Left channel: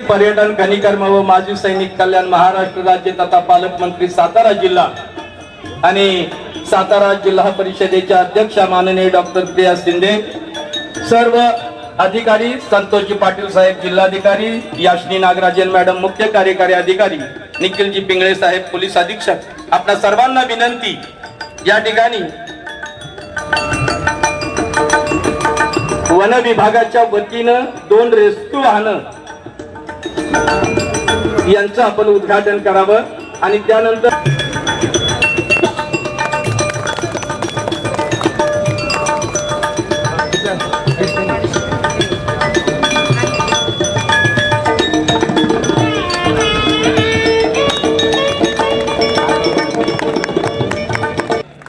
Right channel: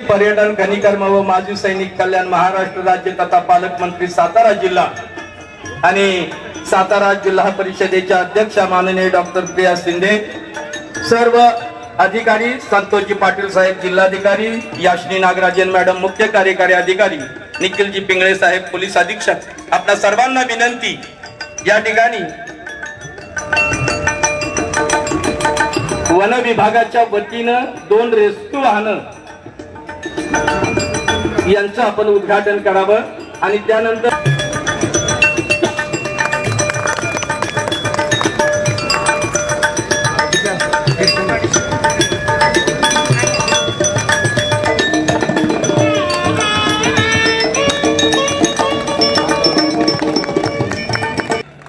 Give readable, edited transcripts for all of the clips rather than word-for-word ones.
पर्यटन खनिकर्म व माजी सैनिक कल्याण महाराष्ट्र राज्य तथा पालकमंत्री सातारा जिल्हा आणि सातारा जिल्हा परिषदेच्या अध्यक्ष माननीय डॉक्टर प्रिया शिंदे, सर्व अधिकारी, संतोषजी पाटील साहेब जिल्हाधिकारी, याशनी नागराजन मॅडम मुख्य कार्यकारी अधिकारी, निखिलजी पिंगळे साहेब पोलीस अधीक्षक, आपल्या सर्वांना विनंती, या ठिकाणी वन विभागाच्या वतीनं 2 रेस्क्यू वाहनं यांचं आपण उद्घाटन करावं आणि त्यानंतर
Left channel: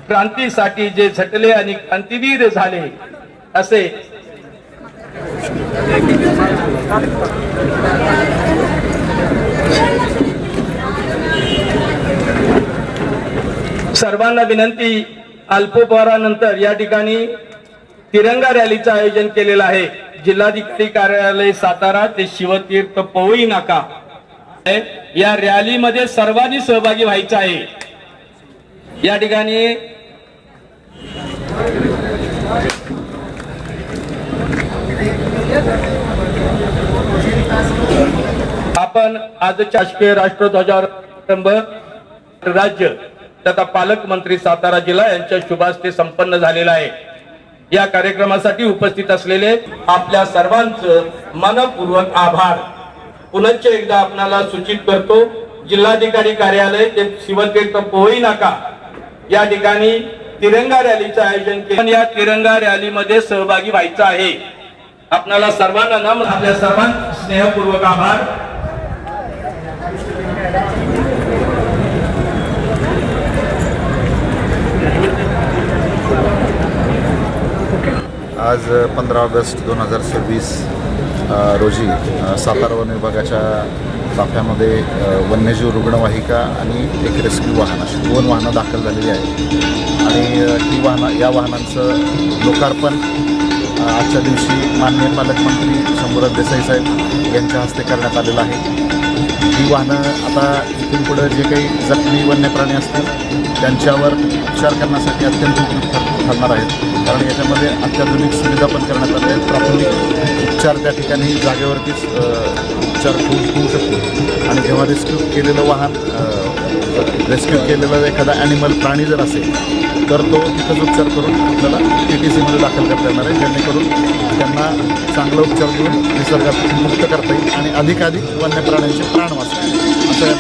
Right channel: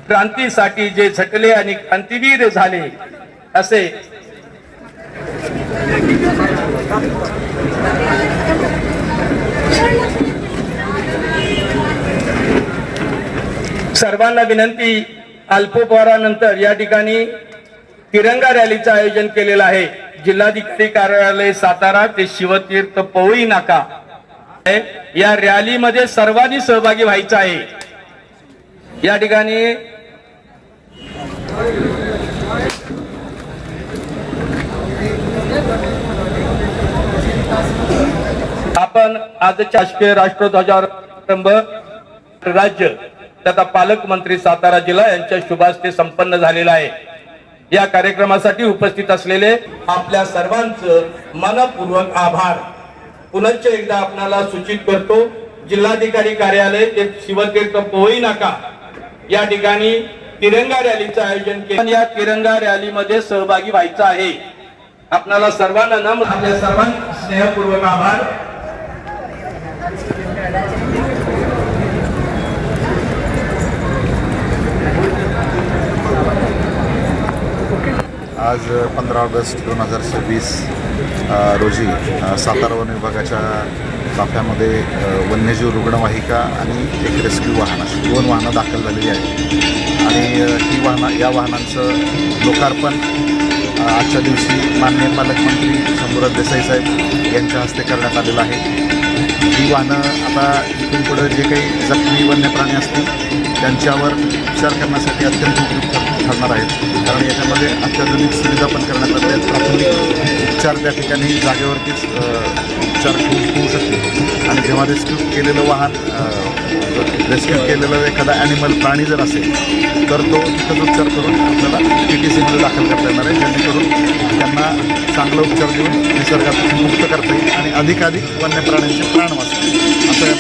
क्रांतीसाठी जे झटले आणि क्रांतीवीर झाले असे सर्वांना विनंती, अल्पोपहारानंतर या ठिकाणी तिरंगा रॅलीचं आयोजन केलेलं आहे. जिल्हाधिकारी कार्यालय सातारा ते शिवतीर्थ पवई नाका या रॅलीमध्ये सर्वांनी सहभागी व्हायचं आहे. या ठिकाणी आपण आजच्या शासकीय राष्ट्रध्वजावर प्रारंभ राज्य तथा पालकमंत्री सातारा जिल्हा यांच्या शुभास्ते संपन्न झालेला आहे. या कार्यक्रमासाठी उपस्थित असलेले आपल्या सर्वांचं मनपूर्वक आभार. पुनश्च एकदा आपणाला सूचित करतो, जिल्हाधिकारी कार्यालय ते शिवतीर्थ पवई नाका या ठिकाणी तिरंगा रॅलीचं आयोजन केलं. या तिरंगा रॅलीमध्ये सहभागी व्हायचं आहे. आपल्याला सर्वांना नम्र, आपल्या सर्वांना स्नेहपूर्वक आभार. आज 15 ऑगस्ट 2026 रोजी सातारा वन विभागाच्या ताफ्यामध्ये वन्यजीव रुग्णवाहिका आणि एक रेस्क्यू वाहन अशी 2 वाहनं दाखल झालेली आहेत. आणि या वाहनांचं लोकार्पण आजच्या दिवशी माननीय पालकमंत्री शंभूराज देसाई साहेब यांच्या हस्ते करण्यात आलेलं आहे. ही वाहनं आता इथून पुढे जे काही जखमी वन्यप्राणी असतील त्यांच्यावर उपचार करण्यासाठी अत्यंत उपयुक्त ठरणार आहेत. कारण याच्यामध्ये अत्याधुनिक सुविधा पण करण्यात आल्या आहेत. प्राथमिक उपचार त्या ठिकाणी जागेवरतीच उपचार होऊ शकते. आणि जेव्हा रेस्क्यू केलेलं एखादा ॲनिमल प्राणी जर असेल तर तो तिथंच उपचार करून आपल्याला TTCमध्ये दाखल करता येणार आहे, जेणेकरून त्यांना चांगला उपचार देऊन निसर्गात मुक्त करता येईल आणि अधिकाधिक वन्य प्राण्यांचे प्राण वाचतील असं या